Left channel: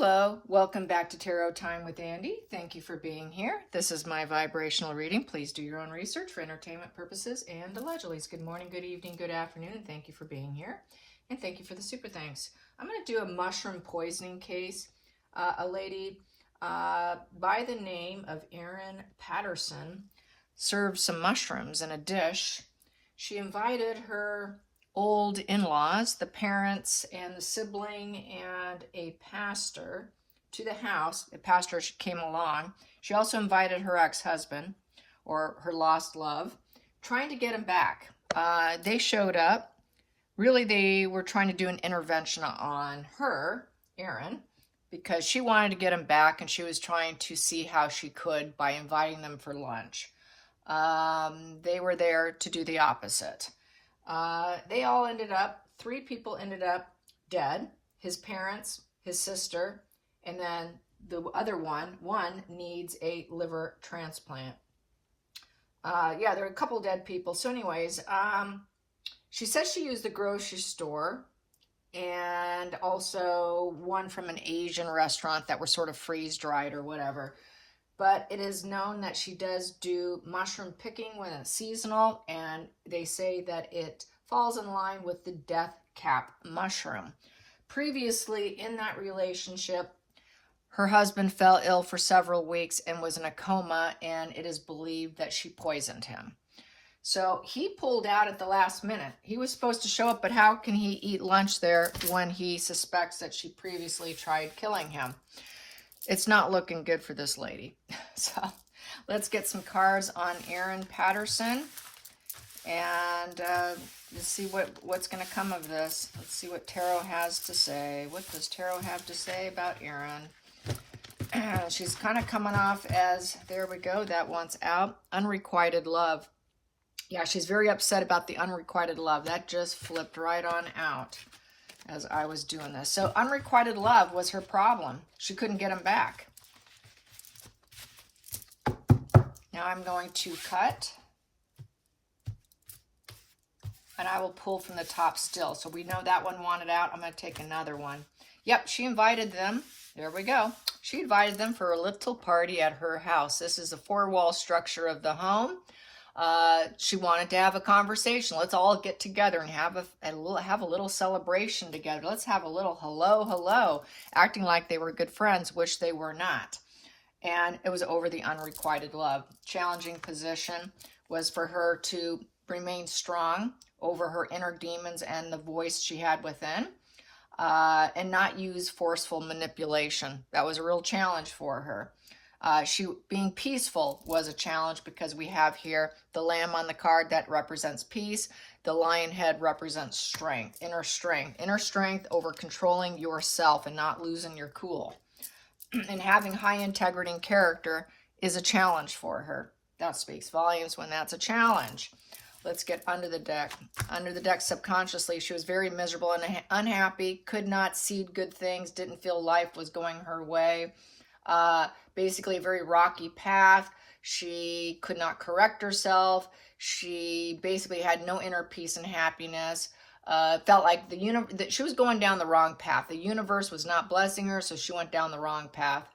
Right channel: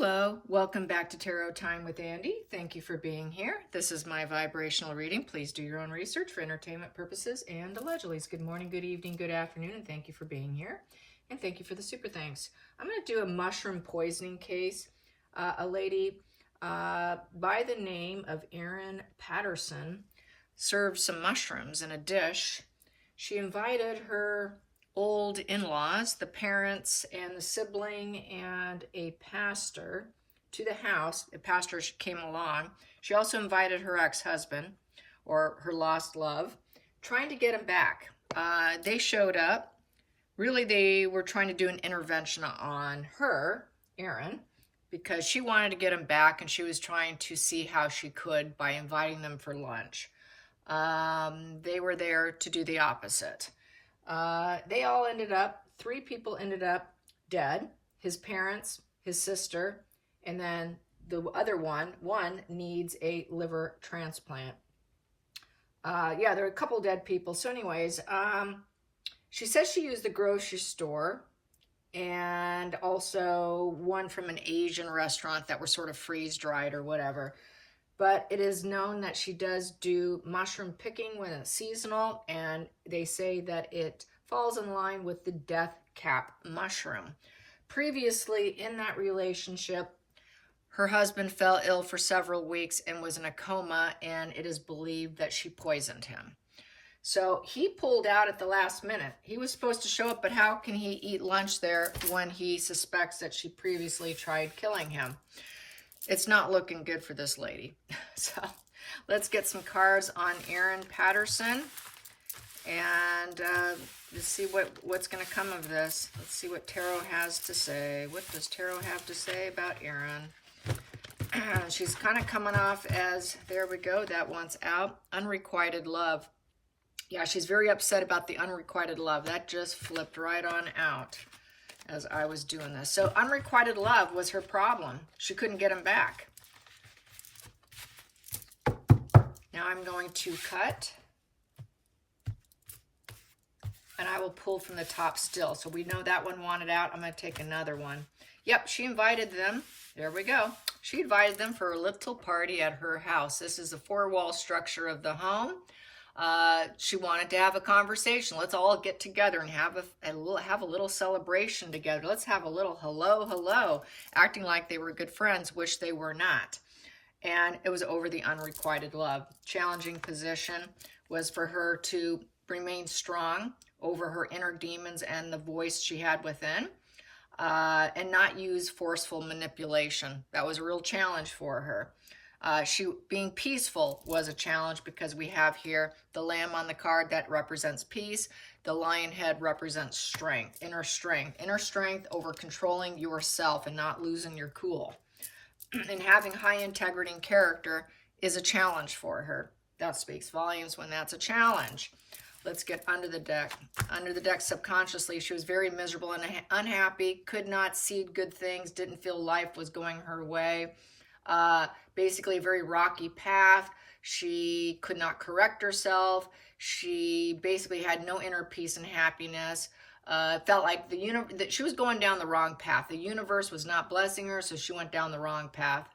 Hello, welcome back to Tarot Time with Andy. Thank you for being here. This is my vibrational reading. Please do your own research for entertainment purposes and allegedly. Good morning, good evening, good afternoon, and thank you for being here. And thank you for the super thanks. I'm going to do a mushroom poisoning case. A lady by the name of Erin Patterson served some mushrooms in a dish. She invited her old in-laws, the parents and the sibling and a pastor to the house. The pastor came along. She also invited her ex-husband or her lost love, trying to get him back. They showed up. Really, they were trying to do an intervention on her, Erin, because she wanted to get him back and she was trying to see how she could by inviting them for lunch. They were there to do the opposite. They all ended up, 3 people ended up dead. His parents, his sister, and then the other one needs a liver transplant. Yeah, there were a couple dead people. So anyways, she says she used the grocery store and also one from an Asian restaurant that were sort of freeze-dried or whatever. But it is known that she does do mushroom picking when it's seasonal, and they say that it falls in line with the death cap mushroom. Previously in that relationship, her husband fell ill for several weeks and was in a coma, and it is believed that she poisoned him. So he pulled out at the last minute. He was supposed to show up, but how can he eat lunch there when he suspects that she previously tried killing him? It's not looking good for this lady. So let's get some cards on Erin Patterson and let's see what's going to come of this. Let's see what Tarot has to say. What does Tarot have to say about Erin? She's kind of coming off as, there we go, that one's out. Unrequited love. Yeah, she's very upset about the unrequited love. That just flipped right on out as I was doing this. So unrequited love was her problem. She couldn't get him back. Now I'm going to cut. And I will pull from the top still. So we know that one wanted out. I'm going to take another one. Yep, she invited them. There we go. She invited them for a little party at her house. This is the 4-wall structure of the home. She wanted to have a conversation. Let's all get together and have a little celebration together. Let's have a little hello, acting like they were good friends, which they were not. And it was over the unrequited love. Challenging position was for her to remain strong over her inner demons and the voice she had within, and not use forceful manipulation. That was a real challenge for her. Being peaceful was a challenge because we have here the lamb on the card that represents peace. The lion head represents strength, inner strength over controlling yourself and not losing your cool. And having high integrity and character is a challenge for her. That speaks volumes when that's a challenge. Let's get under the deck. Under the deck subconsciously, she was very miserable and unhappy, could not see good things, didn't feel life was going her way. Basically a very rocky path. She could not correct herself. She basically had no inner peace and happiness. Felt like she was going down the wrong path. The universe was not blessing her, so she went down the wrong path.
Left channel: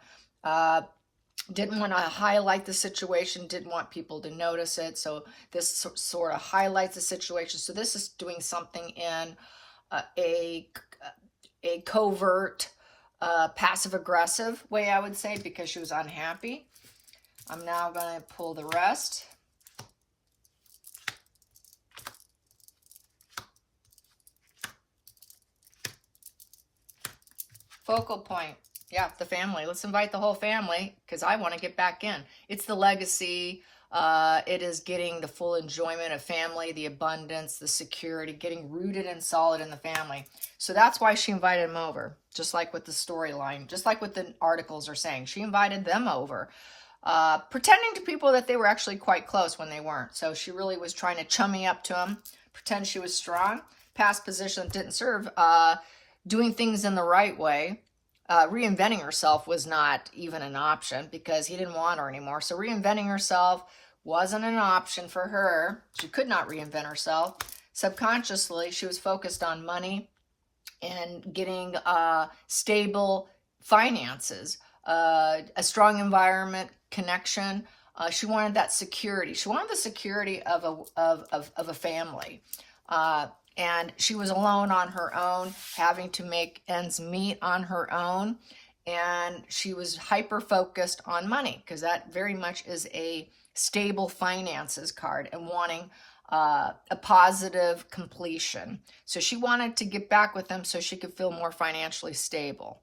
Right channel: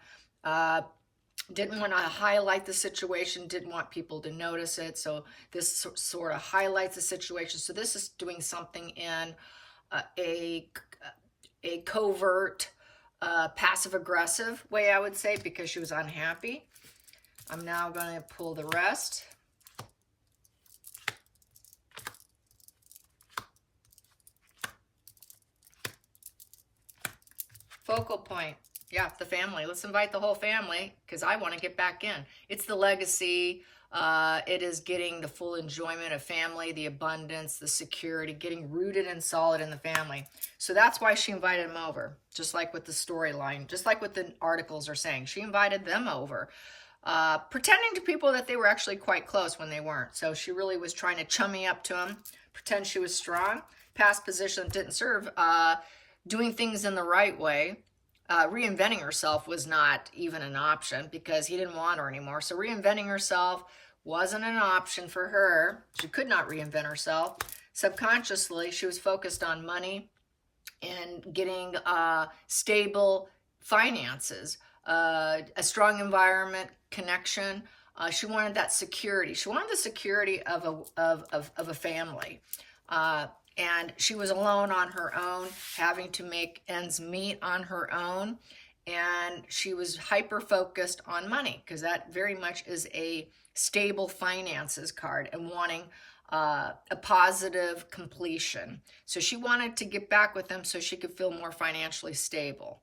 Didn't want to highlight the situation, didn't want people to notice it. So this sort of highlights the situation. So this is doing something in a covert, passive-aggressive way, I would say, because she was unhappy. I'm now going to pull the rest. Focal point. Yeah, the family. Let's invite the whole family because I want to get back in. It's the legacy. It is getting the full enjoyment of family, the abundance, the security, getting rooted and solid in the family. So that's why she invited him over, just like with the storyline, just like what the articles are saying. She invited them over, pretending to people that they were actually quite close when they weren't. So she really was trying to chummy up to him, pretend she was strong. Past position didn't serve. Doing things in the right way. Reinventing herself was not even an option because he didn't want her anymore. So reinventing herself wasn't an option for her. She could not reinvent herself. Subconsciously, she was focused on money and getting stable finances, a strong environment, connection. She wanted that security. She wanted the security of a family. And she was alone on her own, having to make ends meet on her own. And she was hyper-focused on money, because that very much is a stable finances card, and wanting a positive completion. So she wanted to get back with them so she could feel more financially stable.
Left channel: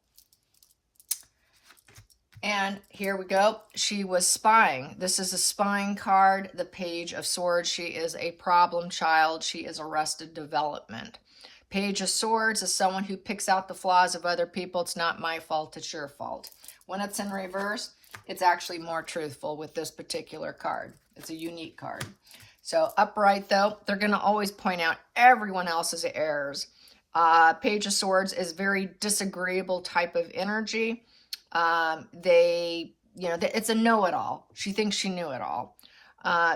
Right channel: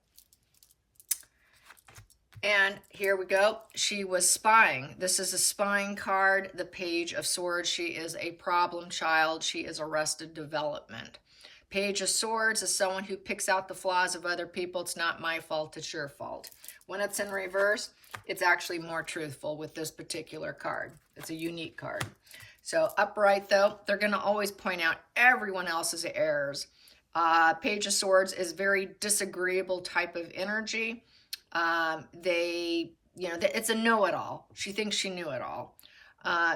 And here we go. She was spying. This is a spying card, the Page of Swords. She is a problem child. She is arrested development. Page of Swords is someone who picks out the flaws of other people. It's not my fault, it's your fault. When it's in reverse, it's actually more truthful with this particular card. It's a unique card. So upright, though, they're going to always point out everyone else's errors. Page of Swords is very disagreeable type of energy. It's a know-it-all. She thinks she knew it all.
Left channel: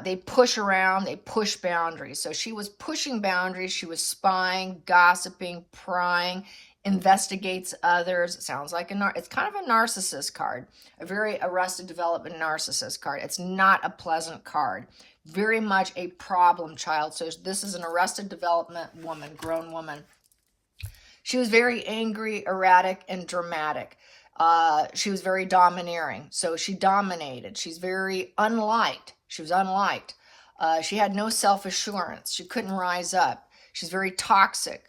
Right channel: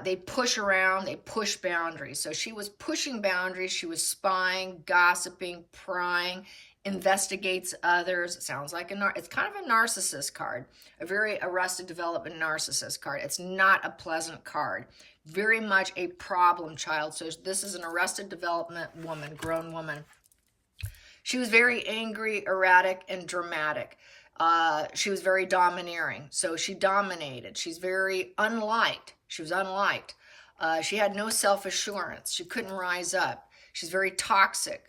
They push around, they push boundaries. So she was pushing boundaries. She was spying, gossiping, prying, investigates others. It sounds like it's kind of a narcissist card, a very arrested development narcissist card. It's not a pleasant card. Very much a problem child. So this is an arrested development woman, grown woman. She was very angry, erratic, and dramatic. She was very domineering. So she dominated. She's very unliked. She was unliked. She had no self-assurance. She couldn't rise up. She's very toxic.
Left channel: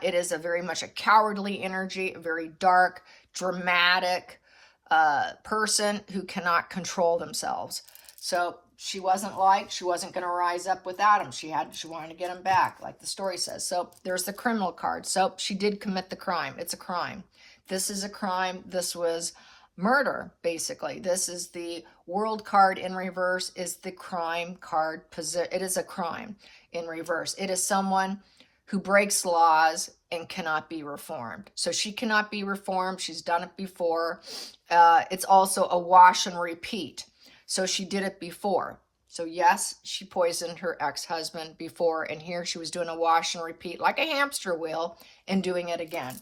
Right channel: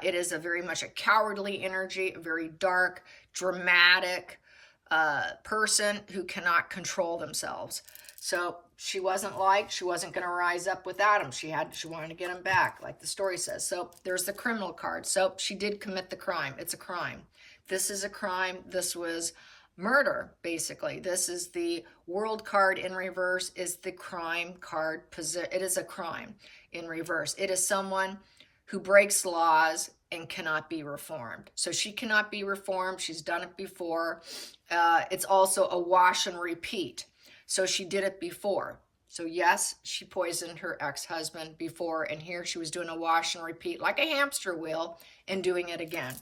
It is very much a cowardly energy, a very dark, dramatic person who cannot control themselves. So she wasn't liked. She wasn't going to rise up without him. She wanted to get him back, like the story says. So there's the criminal card. So she did commit the crime. It's a crime. This is a crime. This was murder, basically. This is the World card in reverse, is the crime card. It is a crime in reverse. It is someone who breaks laws and cannot be reformed. So she cannot be reformed. She's done it before. It's also a wash and repeat. So she did it before. So yes, she poisoned her ex-husband before, and here she was doing a wash and repeat like a hamster wheel and doing it again.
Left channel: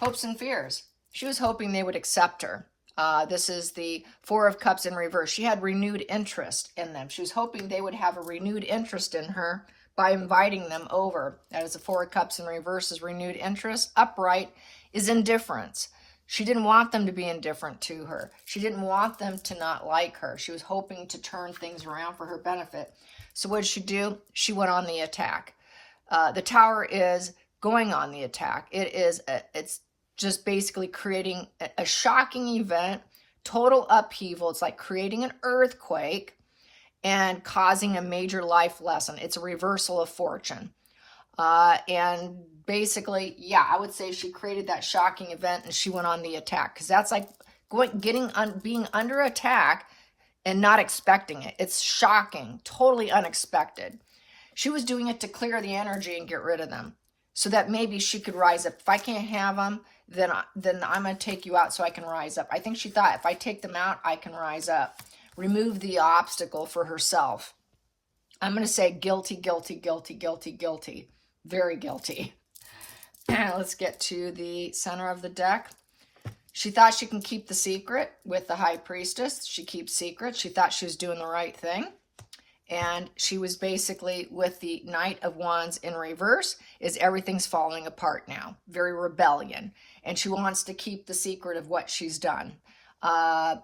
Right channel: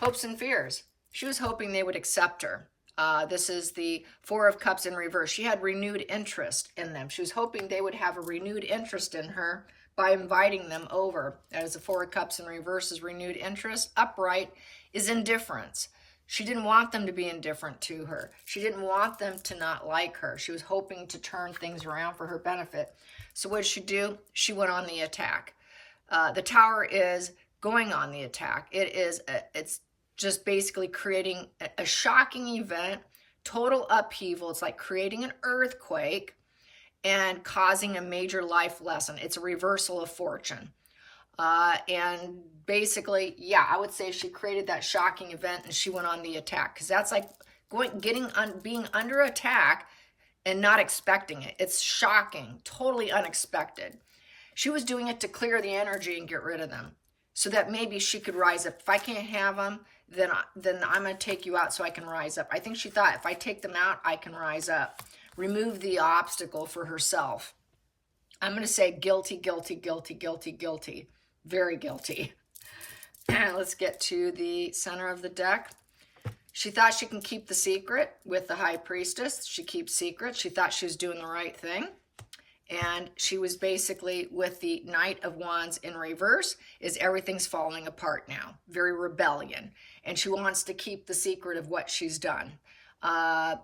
Hopes and fears. She was hoping they would accept her. This is the Four of Cups in reverse. She had renewed interest in them. She was hoping they would have a renewed interest in her by inviting them over. That is the Four of Cups in reverse is renewed interest. Upright is indifference. She didn't want them to be indifferent to her. She didn't want them to not like her. She was hoping to turn things around for her benefit. So what did she do? She went on the attack. The Tower is going on the attack. It's just basically creating a shocking event, total upheaval. It's like creating an earthquake and causing a major life lesson. It's a reversal of fortune. And basically, yeah, I would say she created that shocking event and she went on the attack, because that's like being under attack and not expecting it. It's shocking, totally unexpected. She was doing it to clear the energy and get rid of them, so that maybe she could rise up. If I can't have them, then I'm going to take you out so I can rise up. I think she thought, if I take them out, I can rise up. Remove the obstacle for herself. I'm going to say guilty, guilty, guilty, guilty, guilty. Very guilty. Let's get to the center of the deck. She thought she can keep the secret with the High Priestess. She keeps secrets. She thought she was doing the right thing. And she was basically with the Knight of Wands in reverse, is everything's falling apart now. Very rebellion. And she wants to keep the secret of what she's done.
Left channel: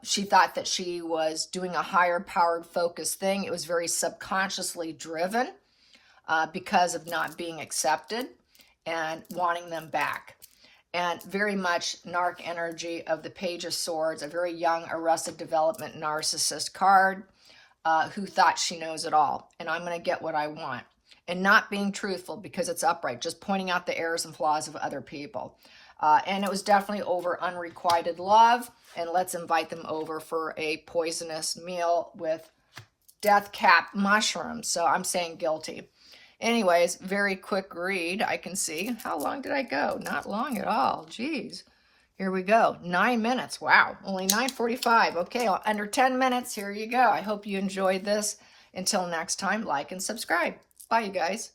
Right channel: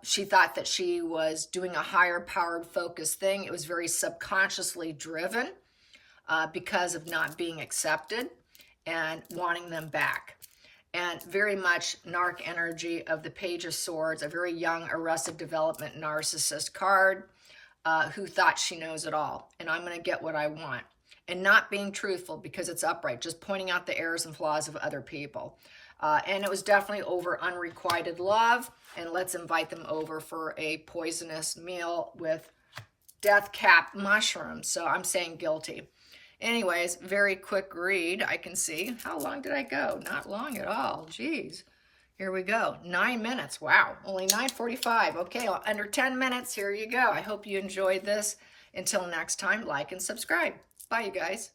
She thought that she was doing a higher powered focused thing. It was very subconsciously driven because of not being accepted and wanting them back. And very much narc energy of the Page of Swords, a very young arrested development narcissist card. Who thought she knows it all, and I'm going to get what I want. And not being truthful because it's upright, just pointing out the errors and flaws of other people. And it was definitely over unrequited love, and let's invite them over for a poisonous meal with death cap mushrooms. So I'm saying guilty. Anyways, very quick read, I can see. How long did I go? Not long at all. Jeez. Here we go. 9 minutes. Wow. Only 9:45. Okay, under 10 minutes. Here you go. I hope you enjoyed this. Until next time, like and subscribe. Bye, you guys.